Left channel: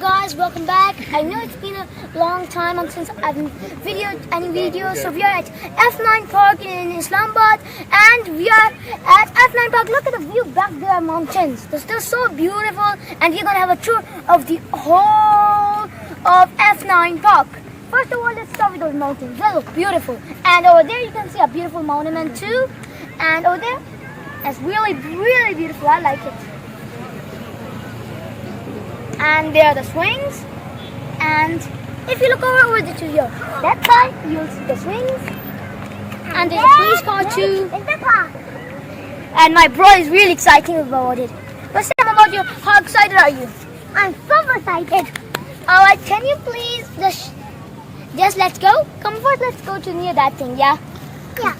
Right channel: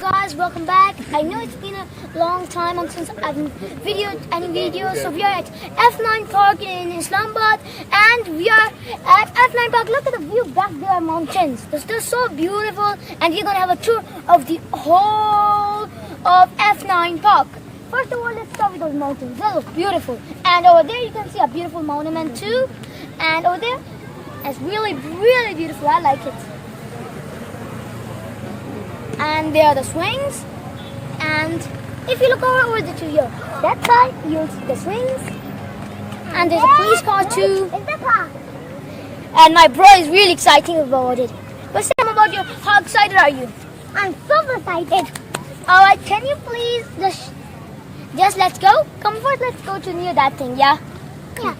Guys, welcome back. I know it's been a long time since I've videoed any videos. So we are at F-9 Park in Islamabad, and we are at F-9 Park. Look at the view back there, mountains. They're still so beautiful, and we're gonna have a tour of the whole of F-9 Park. First of all, let's start with those mountains. They look beautiful, and over there you can see a beautiful monument too. And over there, it's really beautiful. I like it. And there are the swings, and if you look over to here, that side you'll see the swings, and there's a police car too. And my bro is really excited about it. What's up about you? How excited are you? I'm super excited. Alright, can you please just let's go? Come first, let's go to near that thing, yeah? Yeah.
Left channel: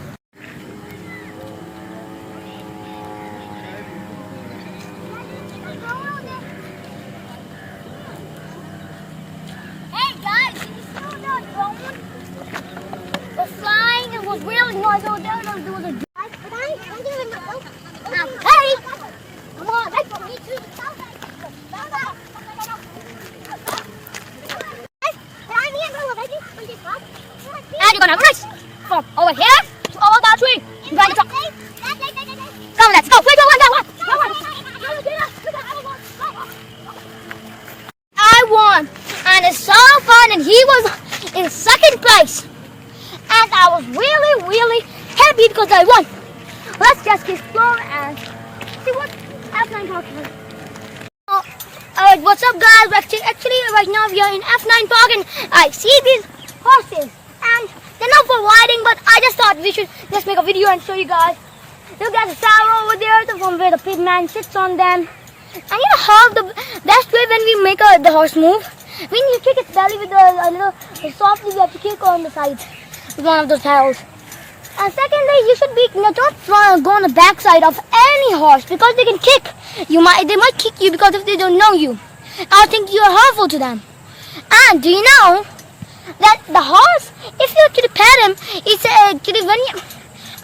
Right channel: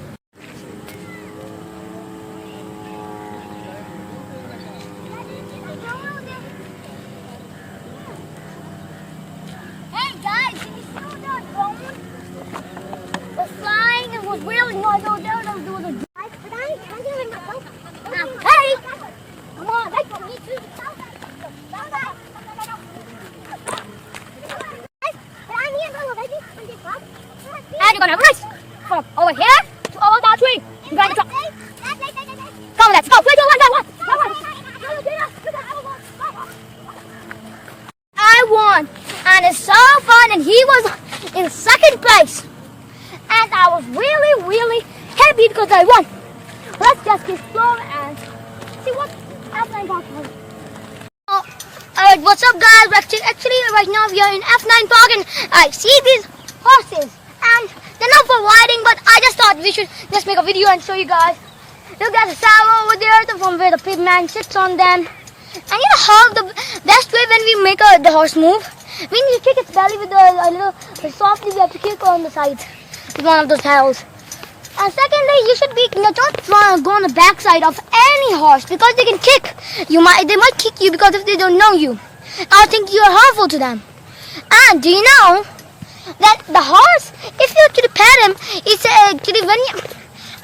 It was really nice over there. There was a But I'm doing my go. Hey! Come on, wait for me too. And you're gonna race from over here to over that tree. You gotta talk. Come, let's go. Wait, one. I won, and it's so fun, and he was in second place. And I was really happy because I won. Let's just explore and see what F-9 Park is. Alright, what's up guys? Actually right now we are in F-9 Park, and I see these horses, and they're not for riding, but I just thought we should just make a video and show you guys. Look at the saddle over there, from where the pig man sits on them. And you know how the best way when we make the horse move, we need to kick its belly with a little softly. We have to kick on the sides with one of those paddles. And secondly, you should be don't go on the back side of any horse, because they can kick. They might kick you because if they don't know you, I think you are harmful to them. And do you know that the horse, if you actually pet him, it's actually when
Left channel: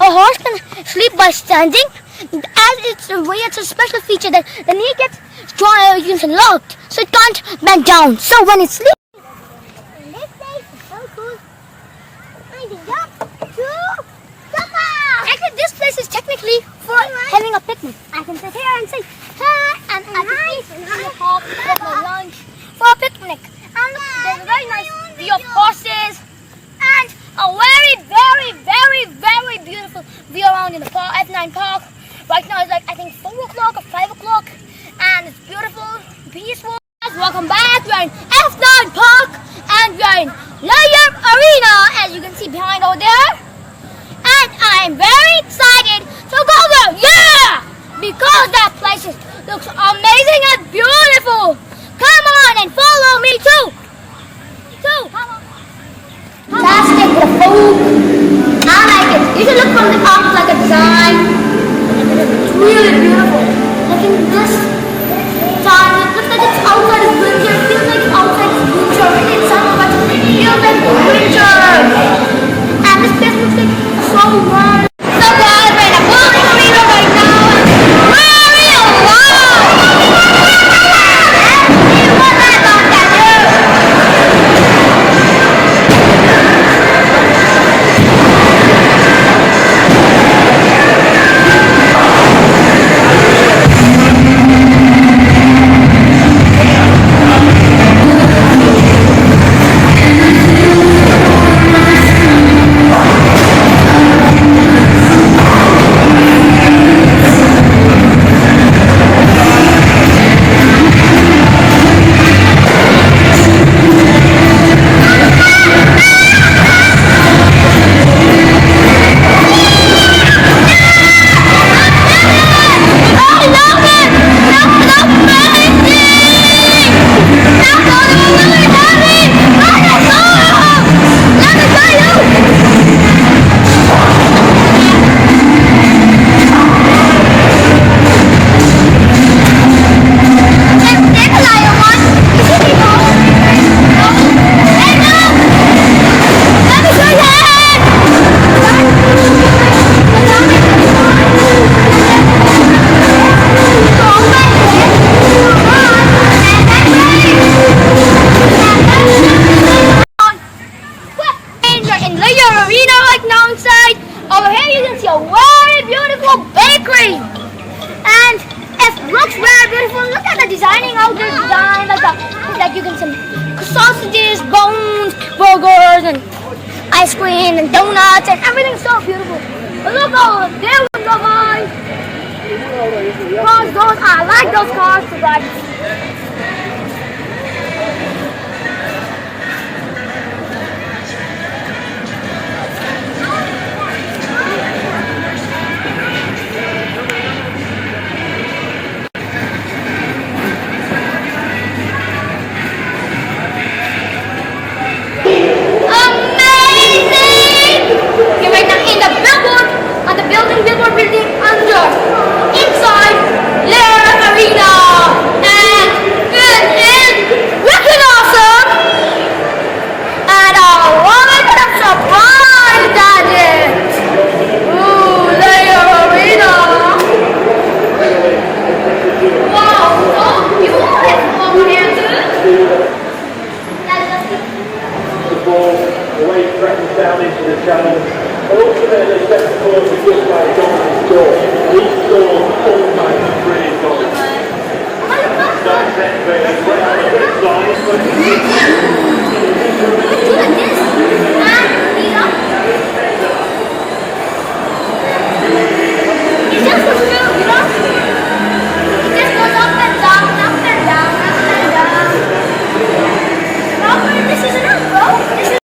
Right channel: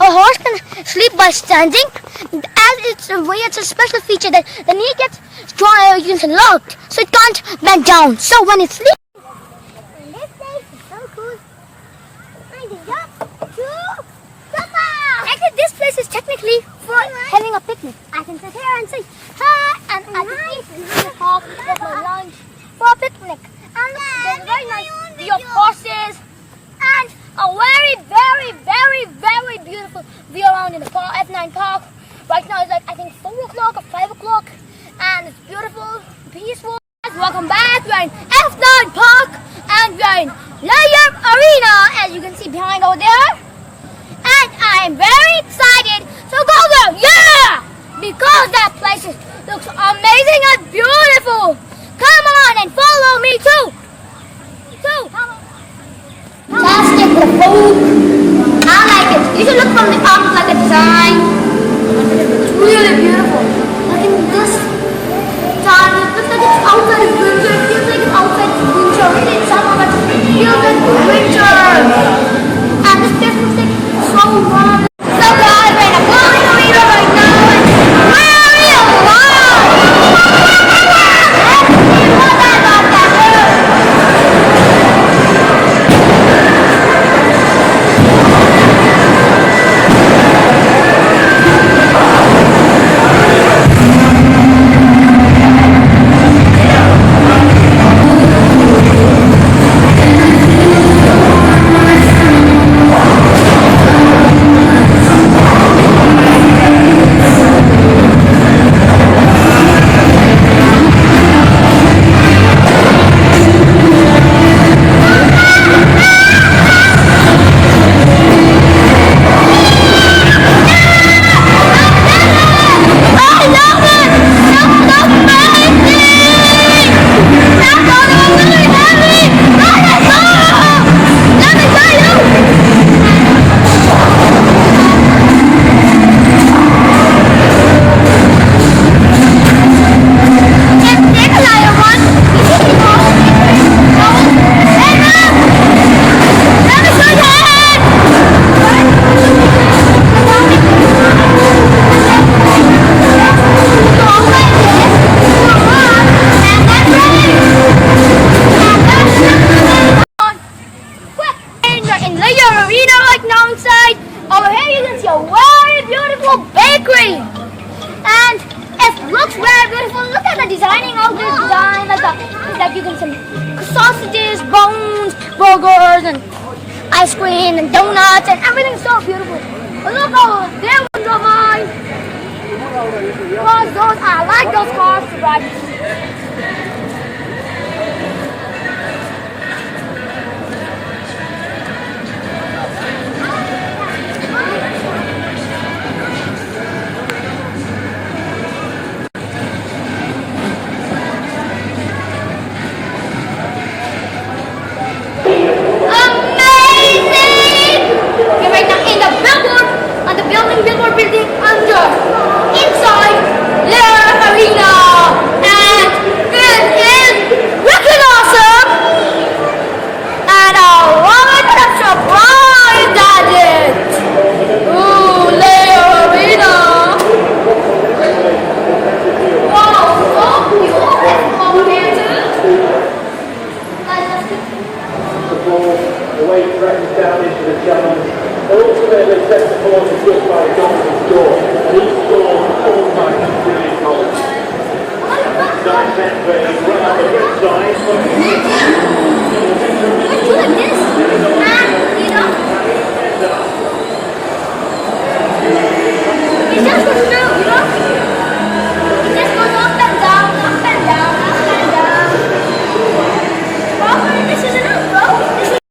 a horse can sleep by standing, as it's a special feature that the knee gets strong, you can locked, so it can't bend down. So when it sleeps. And this place is so cool. Actually, this place is technically for having a picnic. I can sit here and say hi, and I can eat in the park, get my lunch for a picnic. And there's a very nice view of horses, and a very beautiful view around in the park, F-9 Park. Right now it's like I think 4 o'clock or 5 o'clock, and it's beautiful, peaceful. Welcome back. We are in F-9 Park, and we are in Layup Arena, as you can see behind over there. And I am very excited to go there, yeah! Because that place looks amazing and beautiful. Come on and follow me too. Fantastic, the food. I like it. You should look from the up like a design. It's really beautiful. Look at this. It looks like it's outside of winter. It feels like it's outside of winter. Really, it's summer, but it feels like winter. And this place looks like so warm. So guys, we're in a bowling arena right now, and really wow. bakery. And it looks very beautiful. Look at the designing of the design. Like you can some sausages, bones, burgers, and ice cream, and donuts, and everything's so beautiful. Look over there, guys. I like those cars to ride. Billboard building under inside their arena, and it is wicked awesome, and I love it. I'm surprised at it. Ooh, their arena. Wow, so you always come here too. The ball, the way it crashes down into the channel. Ultimately, set the course is just by a dominant score. These scores almost brilliant goals. That set very right on the red side. Let's do like this. It just goes through, you know? It just goes up and down, up and down, up and down. Bro, this is enough, bro. This is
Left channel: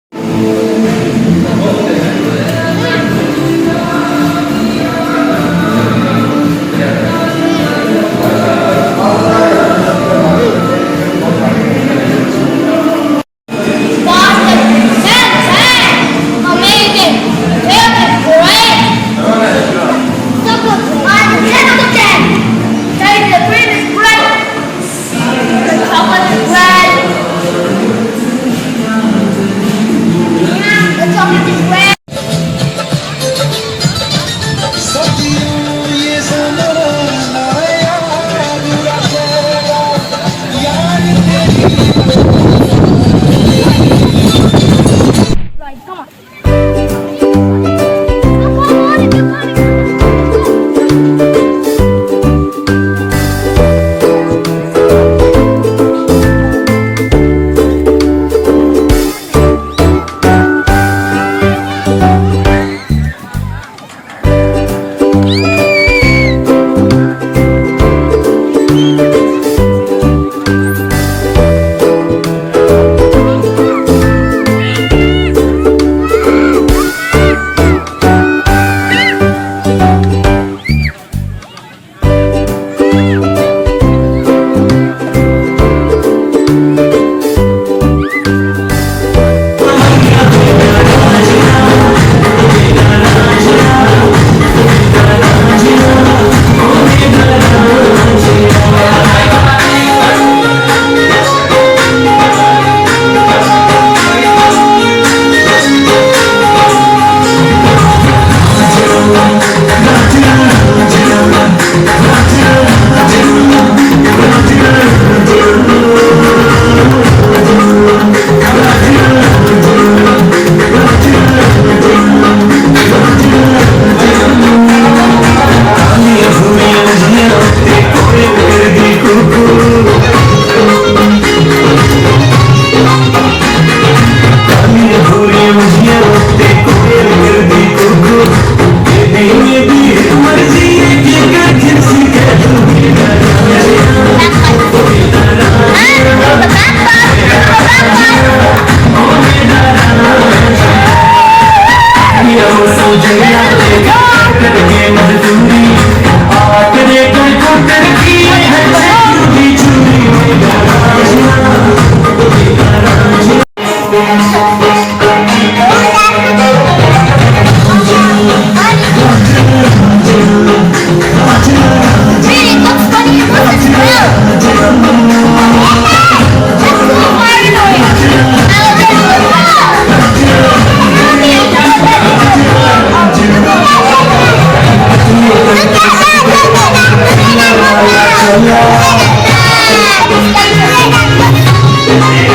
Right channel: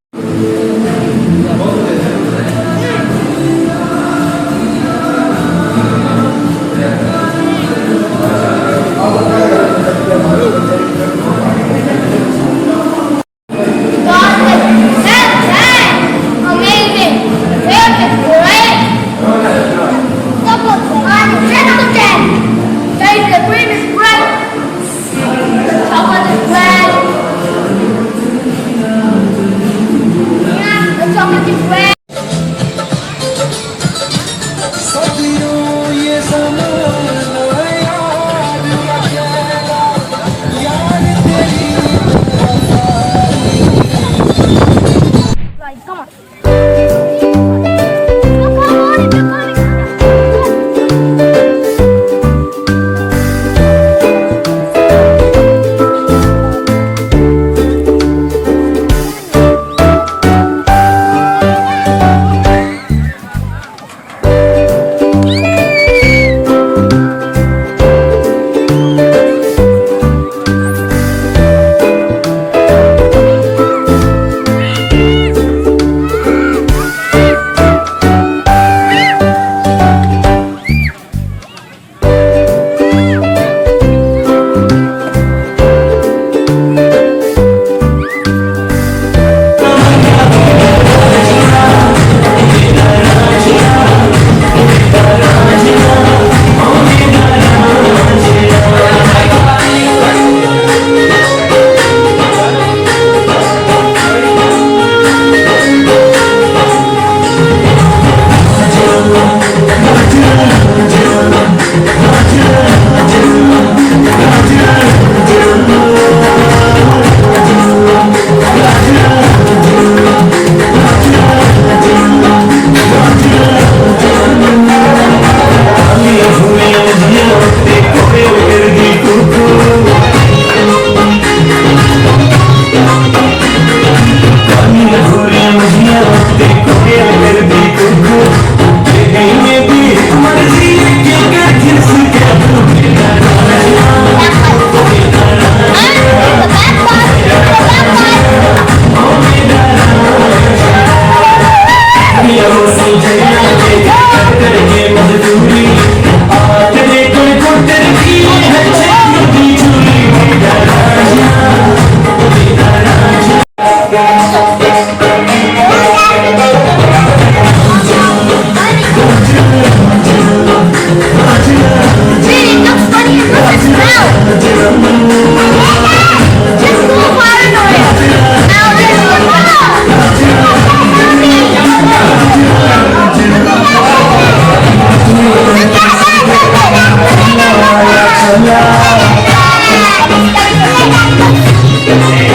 Yeah.